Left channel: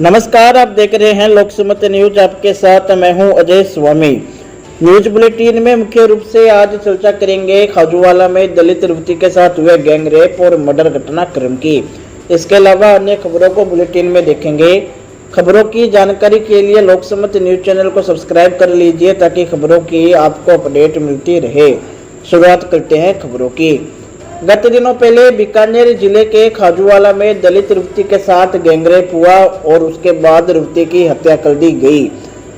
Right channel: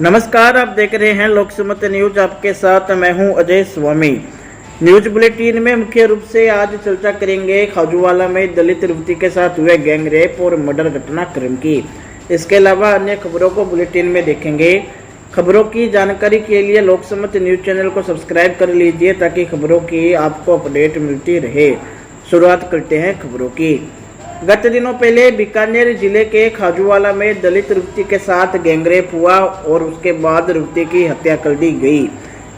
नमस्कार, आप देख रहे हैं लोकसमत न्यूज। आपके साथ मैं हूं अजय स्वामी। न्यूज बुलेटिन में मुख्य रूप से आज चर्चा करेंगे खाजूवाला में दलित युवती के साथ हुए गैंग रेप और मर्डर घटनाक्रम की। इसके अलावा अन्य खबरों को बुलेटिन में देखेंगे। खबरों की जानकारी के लिए लोकसमत न्यूज चैनल को सब्सक्राइब कर लीजिए ताकि खबरों की आपको अपडेट मिलती रहे। शुरुआत करते हैं खबरों की। गत दिनों पहले बीकानेर जिले के खाजूवाला में दलित युवती के साथ गैंगरेप हुआ और उसके बाद युवती की हत्या कर दी गई।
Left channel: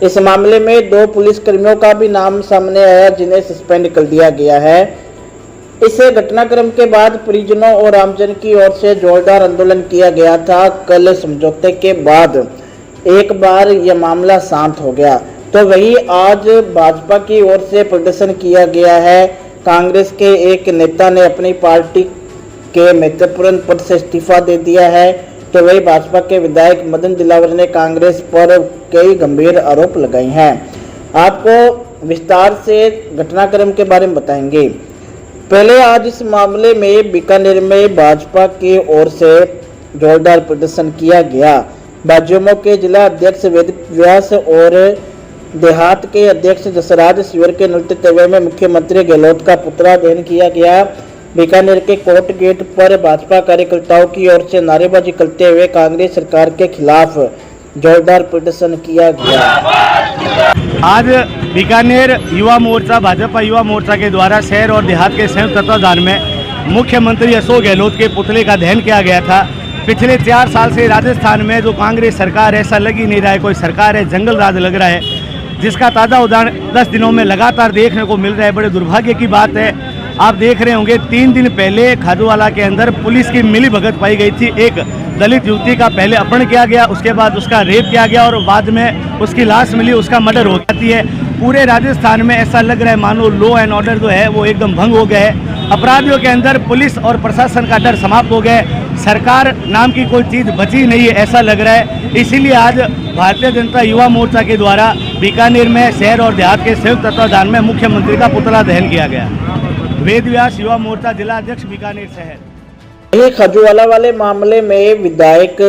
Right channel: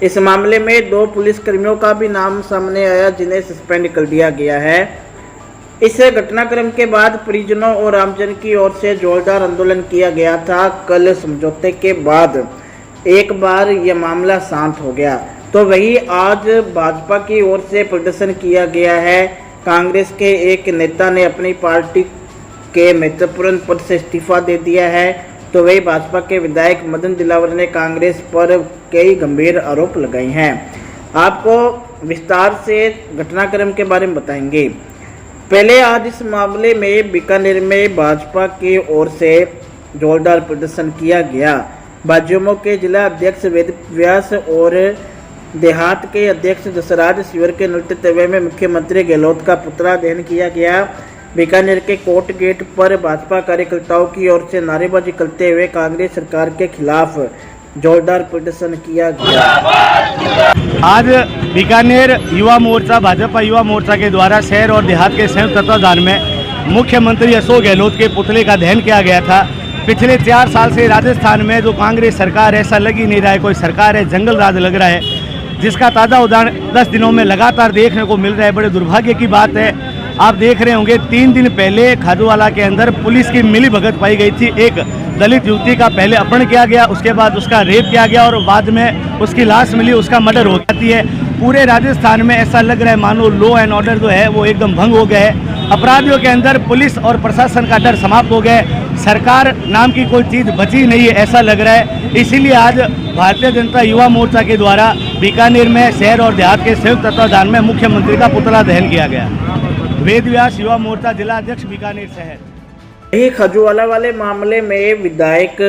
इस मामले में 2 पुलिसकर्मियों का भी नाम सामने आया जिन्हें सस्पेंड कर दिया गया है। इस घटनाक्रम के बाद परिजनों और आमजन की ओर से जोरदार आंदोलन किया गया था। कल समझौते के बाद एक बार यह मामला शांत हो गया, तो वही आज भाजपा की ओर से प्रदर्शन किया गया है। कांग्रेस के एक नेता ने अपनी पार्टी के महत्वपूर्ण पद से इस्तीफा दे दिया है, तो वही भाजपा के विधायक मदन दिलावर ने कांग्रेस पर कई गंभीर आरोप लगाए हैं। आपको विस्तार से घटनाक्रम के बारे में बताएंगे। पहले आज इस मामले में बीकानेर में भाजपा की ओर से जोरदार प्रदर्शन किया गया। भाजपा के जिला अध्यक्ष वेद व्यास और देहात के अध्यक्ष जसराज शिवर के नेतृत्व में मुख्यमंत्री गहलोत का पुतला दहन किया गया। बीकानेर के कोर्ट गेट पर भाजपा कार्यकर्ताओं की ओर से नारेबाजी करते हुए कांग्रेस सरकार के खिलाफ जोरदार प्रदर्शन किया गया। आज बीकानेर युवा मोर्चा भाजपा युवा मोर्चा के द्वारा शहर और देहात के संयुक्त तत्वाधान में मुख्यमंत्री अशोक गहलोत के पुतले का दहन किया गया था। पिछले 4 साल से राजस्थान में जो कांग्रेस सरकार है, ऐसा लग ही नहीं रहा है कोई सरकार है, जंगल राज लग रहा है, जिसका ताज़ा उदाहरण 10 दिनों में लगातार देखने को मिल रहा है। बड़े दुर्भाग्य की बात है। आप देख रहे होंगे 3 दिन पहले खाजूवाला के अंदर पुलिस की मिलीभगत पाई गई थी। एक दलित युवती का पहले अपहरण किया गया, उसके बाद उसका रेप किया गया और बाद में उसकी लाश मिली, उसका मर्डर हो जाती है। पूरे राजस्थान में ऐसा लग रहा है मानो लॉ एंड ऑर्डर जो है वो एकदम भंग हो गया है। अपराधियों के अंदर पुलिस और प्रशासन का डर समाप्त हो गया है। सरकार नाम की कोई चीज़ बची नहीं है, ऐसा लग रहा है। इसीलिए आज भारतीय जनता युवा मोर्चा के द्वारा बीकानेर में शहर और देहात के संयुक्त तत्वाधान में मुख्यमंत्री का पुतला दहन किया गया। वेद व्यास युवा मोर्चा जिला अध्यक्ष बीकानेर शहर। खाजूवाला वाले मामले में विधायक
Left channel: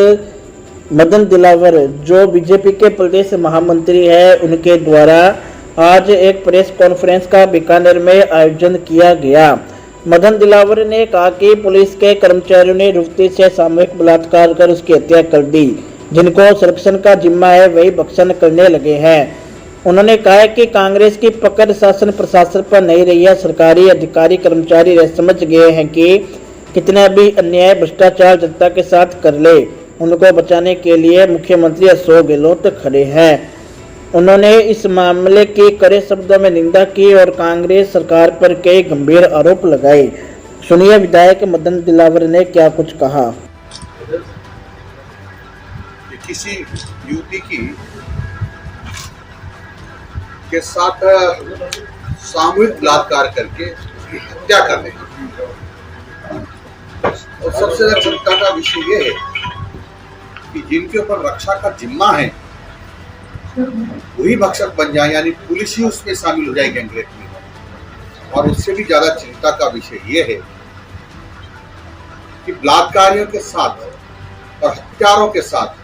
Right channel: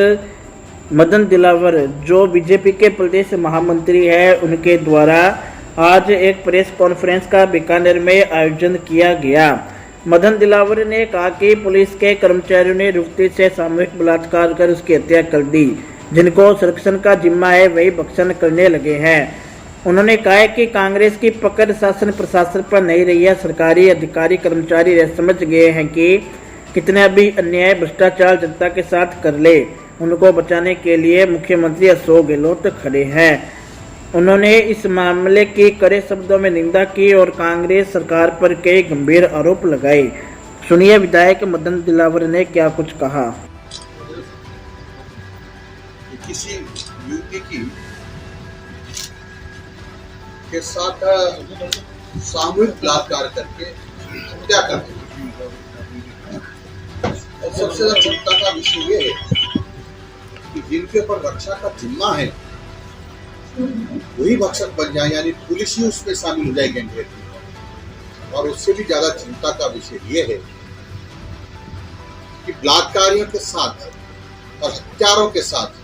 मदन दिलावर जो बीजेपी के प्रदेश महामंत्री है, उनके द्वारा आज एक प्रेस कॉन्फ्रेंस का बीकानेर में आयोजन किया गया। मदन दिलावर ने कहा कि पुलिस के कर्मचारियों ने युवती से सामूहिक बलात्कार कर उसकी हत्या कर दी। जिनको संरक्षण का जिम्मा है वही भक्षण करने लगे हैं। उन्होंने कहा है कि कांग्रेस की पकड़ शासन प्रशासन पर नहीं रही है। सरकारी अधिकारी कर्मचारी समझ गए हैं कि कितना भी अन्याय भ्रष्टाचार जनता के साथ कर ले, उनको बचाने के लिए मुख्यमंत्री अशोक गहलोत खड़े हैं। उन्होंने इस मामले की कड़े शब्दों में निंदा की और कांग्रेस सरकार पर कई गंभीर आरोप लगाए। सुनिए विधायक मदन दिलावर ने क्या कुछ कहा। किसी युवती के साथ सामूहिक बलात्कार करके हत्या कर देना, और सबसे ज्यादा चिंता का विषय ये है कि जिनके ऊपर रक्षा का जिम्मा है वही भक्षक बन जाए, यानी पुलिस ही उसमें शामिल हो जाए गैंगरेप में। और उससे भी ज्यादा चिंता का विषय ये है कि बलात्कारियों के साथ और हत्यारों के साथ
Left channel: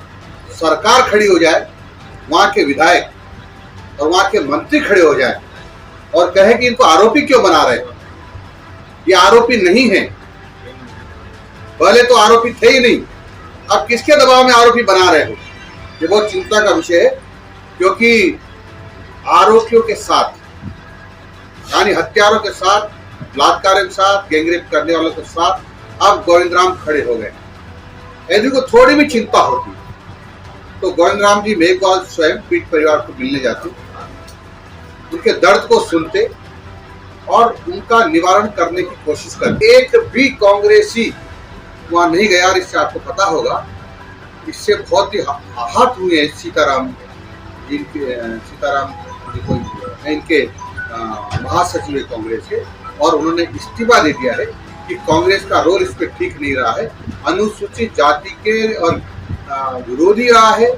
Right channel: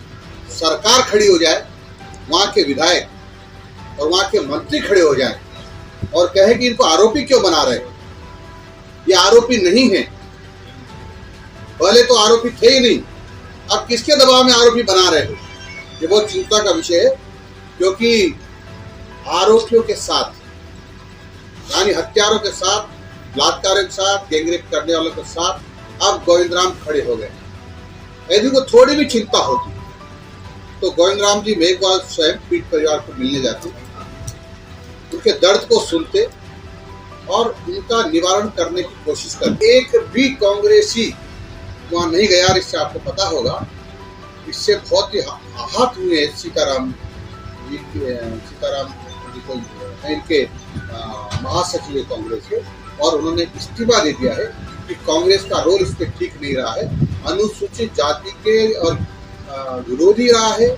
सरकार खड़ी हो जाए, वहां के विधायक और वहां के मंत्री खड़े हो जाए और कहे कि इनको आरोपी क्यों बना रहे हो, ये आरोपी नहीं है, पहले तो आरोपी थे ही नहीं, अब किसके दबाव में आरोपी बना रहे हो। ये बहुत चिंता का विषय है, क्योंकि आरोपियों के साथ यानी हत्यारों के साथ, बलात्कारियों के साथ, गैंगरेप करने वालों के साथ अब गोविंद राम खड़े हो गए। यदि को थोड़ी भी चिंता होती तो गोविंद राम जी मेघवाल स्वयं पीट परिवार को मिलने जाते, उनके दर्द को सुनते और उनका निवारण करने की कोशिश करते। एक भी कांग्रेसी वहां नहीं गया। इससे आपको पता होगा, इससे बहुत ही आहत हुए सीताराम इनके महासचिव है कांग्रेस के, और उन्होंने इस्तीफा दे दिया है कि कांग्रेस का रोल इस पे ठीक नहीं रहा है। अनुसूचित जाति के और विरोधी रहा है,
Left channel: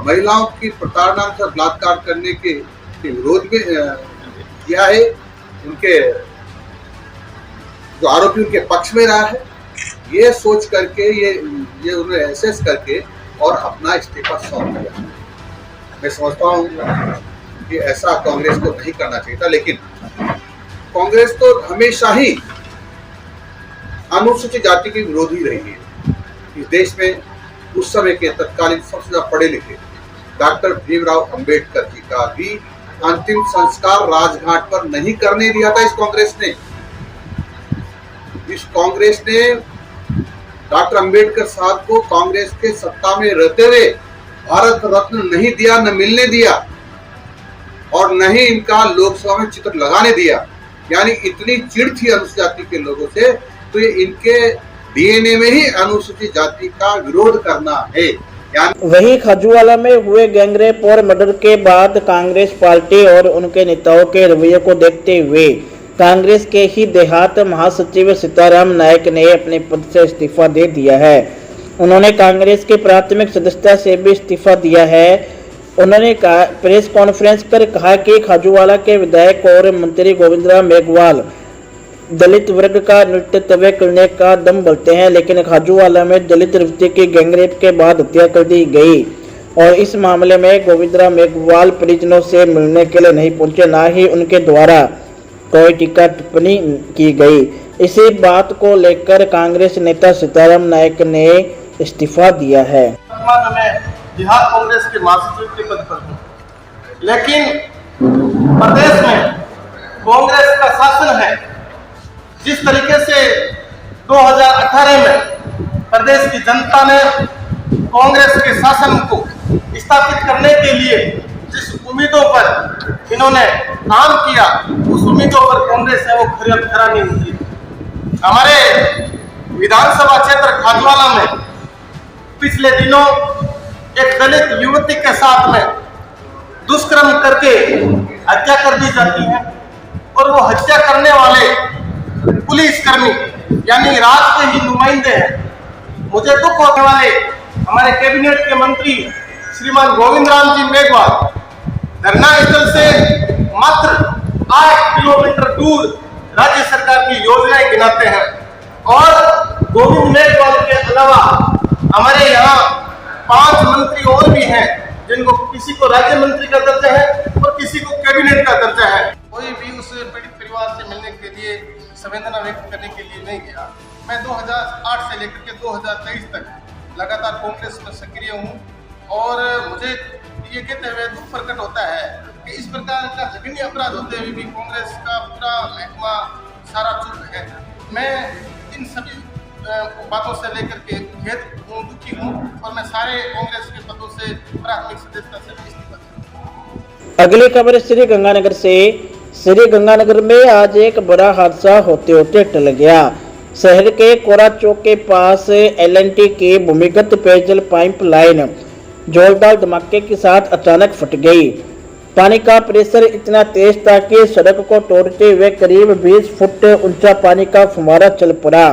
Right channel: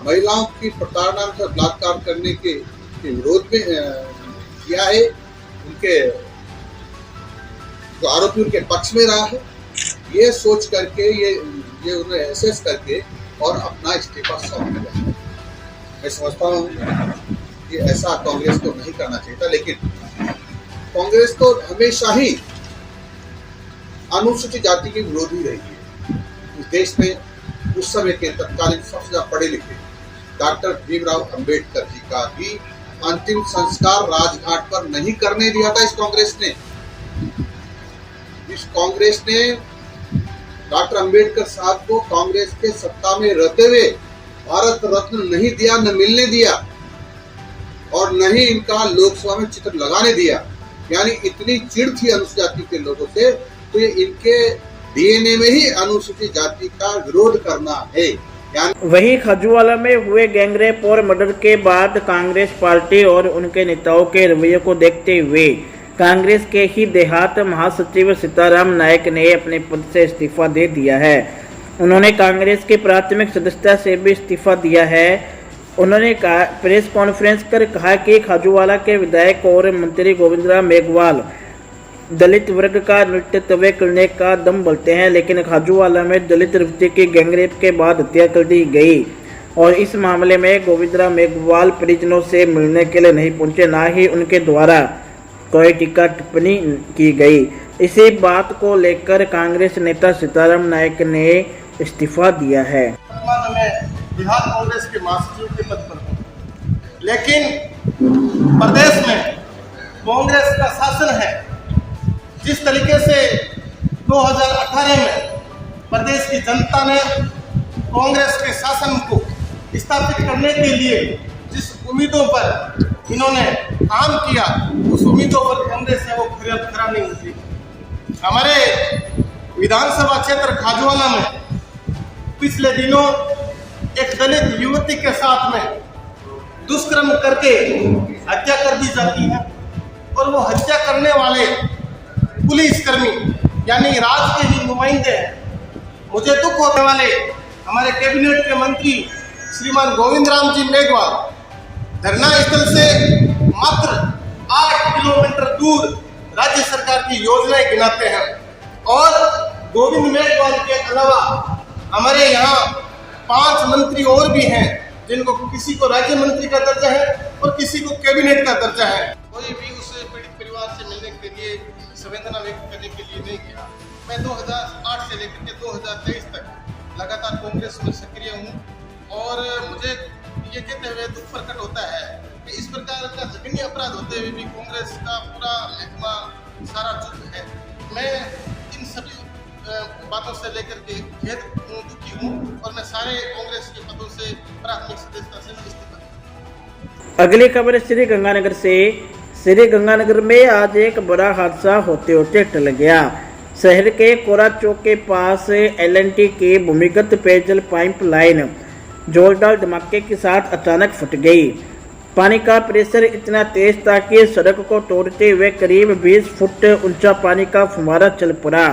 महिलाओं की प्रताड़ना से बलात्कार करने के विरोध में किया है। उनके जो आरोपी उनके पक्ष में रहा है, ये सोच करके ये उन्हें एसेस करके और अपना इस्तीफा सौंप दें। मैं समझता हूँ कि ऐसा कांग्रेस को नहीं करना चाहिए था, लेकिन कांग्रेस तो हमेशा ही अनुसूचित जाति की विरोधी रही है। इस देश में उस समय के तत्कालीन सबसे ज्यादा पढ़े लिखे डॉक्टर भीमराव अंबेडकर जी का भी अंतिम संस्कार राजघाट पर नहीं करने दिया था इस कांग्रेस ने। इस कांग्रेस ने डॉक्टर अंबेडकर साहब को कांग्रेस के सत्ता में रहते हुए भारत रत्न नहीं दिया, न मिलने दिया और न ही इनका लोकसभा में चित्र लगाने दिया। यानी इतनी चिढ़ थी अनुसूचित जाति के लोगों से, तो ये इनके डीएनए में ही अनुसूचित जाति का विरोध करना है। वहीं खाजूवाला में हुए गैंगरेप और मर्डर के बाद कांग्रेस पार्टी और उनके नेताओं के रवैये को देखते हुए कांग्रेस के ही देहात महासचिव सीताराम नायक ने अपने पद से इस्तीफा दे दिया है। उन्होंने कांग्रेस की प्राथमिक सदस्यता से भी इस्तीफा दिया है। उन्होंने प्रेस कॉन्फ्रेंस कर कहा कि खाजूवाला के विधायक और मंत्री गोविंदराम मेघवाल दलित वर्ग का नेतृत्व करने का दम बोलते हैं, लेकिन खाजूवाला में दलित युवती की गैंगरेप के बाद हत्या कर दी गई और इस मामले में गोविंदराम मेघवाल परिजनों से मिलने के लिए नहीं पहुंचे, ना ही उनके द्वारा कोई टीका टिप्पणी की गई। इसी बात को लेकर कांग्रेस नेता सीताराम नायक ने इस्तीफा दिया है। बिहार कांग्रेस के महासचिव के पद पर हूं, लेकिन प्रदेश में कांग्रेस का शासन है। जिस तरीके से 2018 में प्रदेश की जनता ने कांग्रेस के शासन को स्थापित करने के लिए जिस उम्मीदों पर इन्होंने काम किया, उस उम्मीदों पर कांग्रेस है वो खरा नहीं उतरी। हमारे विधानसभा क्षेत्र खाजूवाला में पिछले दिनों एक दलित युवती के साथ में दुष्कर्म करके हत्या कर दी जाती है और वो हत्या करने वाले पुलिसकर्मी यानी राज के ही नुमाइंदे हैं। मुझे दुख होने वाले हमारे कैबिनेट के मंत्री श्रीमान गोविंदराम जी मेघवाल धरना स्थल से मात्र 8 किलोमीटर दूर राज्य सरकार की योजनाएं गिनाते हैं और गोविंद मेघवाल के अलावा हमारे यहाँ 5 मंत्री और भी हैं, जिनको किसी को राज्य मंत्री का दर्जा है और किसी को कैबिनेट का दर्जा है। कोई भी उस पीड़ित परिवार से मिलने के लिए, संवेदना व्यक्त करने के लिए नहीं गया। मैं 2008 से लेकर के 2023 तक लगातार कांग्रेस में सक्रिय हूं और मुझे ये कहते हुए दुख प्रकट होता है कि इस प्रकार का जघन्य अपराध होते हुए भी कांग्रेस का पूरा महकमा सारा चुप है। मैं इन सभी बातों से लेकर के दुखी हूँ और मैं सारे कांग्रेस के पदों से प्राथमिक सदस्यता से इस्तीफा दूंगा। अगली खबर श्री गंगानगर से। श्री गंगानगर में आज एक बड़ा हादसा होते होते टल गया। शहर के कोरा चौक के पास एल&टी की भूमिगत पेयजल पाइप लाइन जोरदार धमाके के साथ अचानक फट गई। पानी का प्रेशर इतना तेज था कि सड़क को तोड़ते हुए करीब 20 फुट ऊंचा पानी का फुवारा चल पड़ा।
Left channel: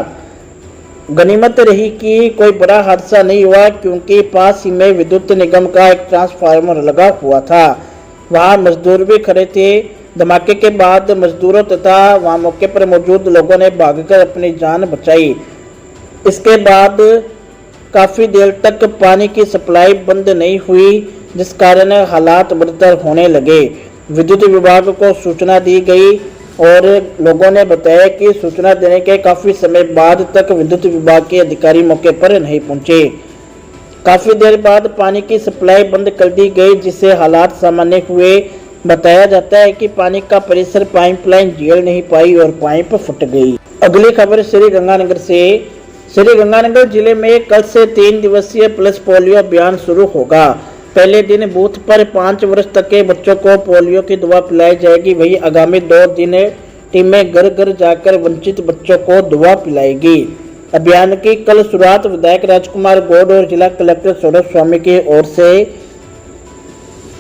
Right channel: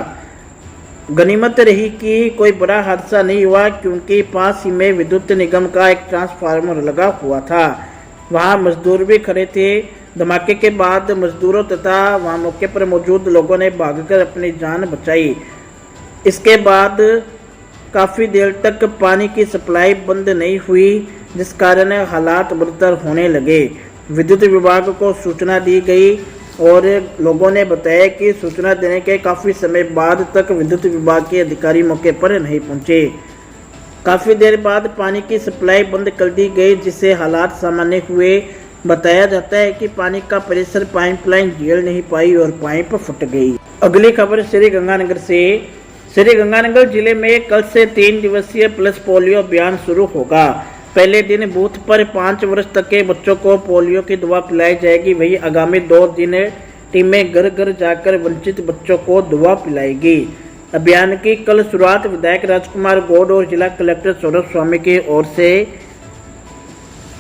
गनीमत रही कि कोई बड़ा हादसा नहीं हुआ, क्योंकि पास ही में विद्युत निगम का एक ट्रांसफार्मर लगा हुआ था। वहां मजदूर भी खड़े थे। धमाके के बाद मजदूरों तथा वहां मौके पर मौजूद लोगों ने भागकर अपनी जान बचाई। इसके बाद काफ़ी देर तक पानी की सप्लाई बंद नहीं हुई, जिस कारण हालात बदतर होने लगे। विद्युत विभाग को सूचना दी गई और लोगों ने बताया कि सूचना देने के काफ़ी समय बाद तक विद्युत विभाग के अधिकारी मौके पर नहीं पहुंचे। काफ़ी देर बाद पानी की सप्लाई बंद कर दी गई, जिससे हालात सामान्य हुए। बताया जाता है कि पानी का प्रेशर पाइपलाइन झेल नहीं पाई और पाइप फट गई। अगली खबर श्री गंगानगर से। श्री गंगानगर जिले में कल से 3 दिवसीय पल्स पोलियो अभियान शुरू होगा। पहले दिन बूथ पर 5 वर्ष तक के बच्चों को पोलियो की दवा पिलाई जाएगी। वहीं आगामी 2 दिन टीमें घर घर जाकर वंचित बच्चों को दवा पिलाएगी। अभियान की कल शुरुआत विधायक राजकुमार गौड़ और जिला कलेक्टर सौरभ स्वामी की ओर से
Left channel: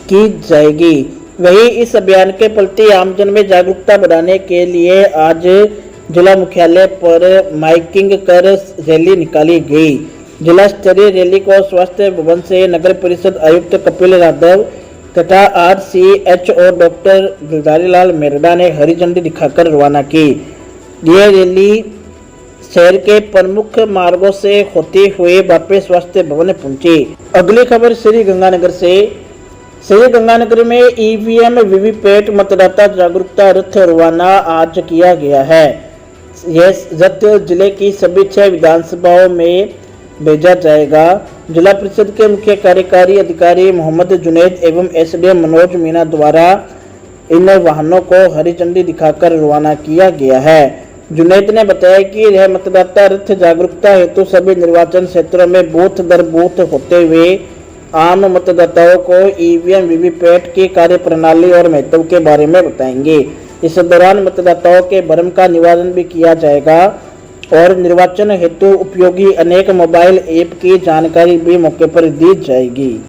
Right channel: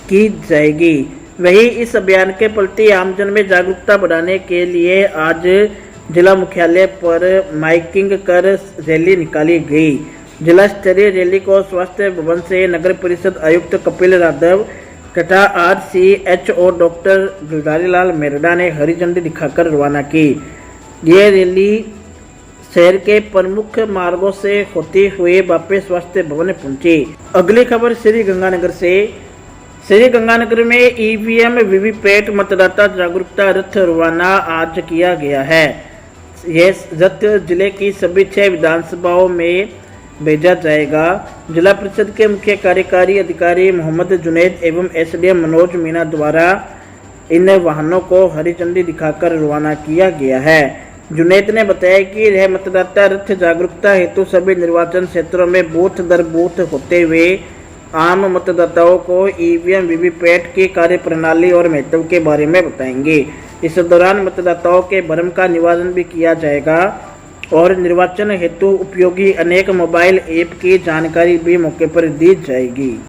की जाएगी। वहीं इस अभियान के प्रति आमजन में जागरूकता बढ़ाने के लिए आज जिला मुख्यालय पर माइकिंग कर रैली निकाली गई। जिला स्तरीय रैली को स्वास्थ्य भवन से नगर परिषद आयुक्त कपिल यादव तथा RCHO डॉक्टर गिरधारी लाल मेरडा ने हरी झंडी दिखाकर रवाना की। यह रैली शहर के प्रमुख मार्गों से होते हुए वापस स्वास्थ्य भवन पहुंची। अगली खबर श्री गंगानगर से। श्री गंगानगर में ईवीएम वीवीपैट मतदाता जागरूकता रथ रवाना आज किया गया है। यह रथ जिले की सभी 6 विधानसभाओं में भेजा जाएगा। जिला परिषद के मुख्य कार्यकारी अधिकारी मोहम्मद जुनैद एवं एसडीएम मनोज मीणा द्वारा इन वाहनों को हरी झंडी दिखाकर रवाना किया गया है। जुनैद ने बताया कि यह मतदाता रथ जागरूकता हेतु सभी निर्वाचन क्षेत्रों में बूथ दर बूथ होते हुए आम मतदाताओं को ईवीएम वीवीपैट की कार्यप्रणाली और महत्व के बारे में बताएंगे। इस दौरान मतदाताओं के भ्रम का निवारण भी किया जाएगा और निर्वाचन हेतु उपयोगी अनेक मोबाइल ऐप की जानकारी भी मौके पर दी जाएगी।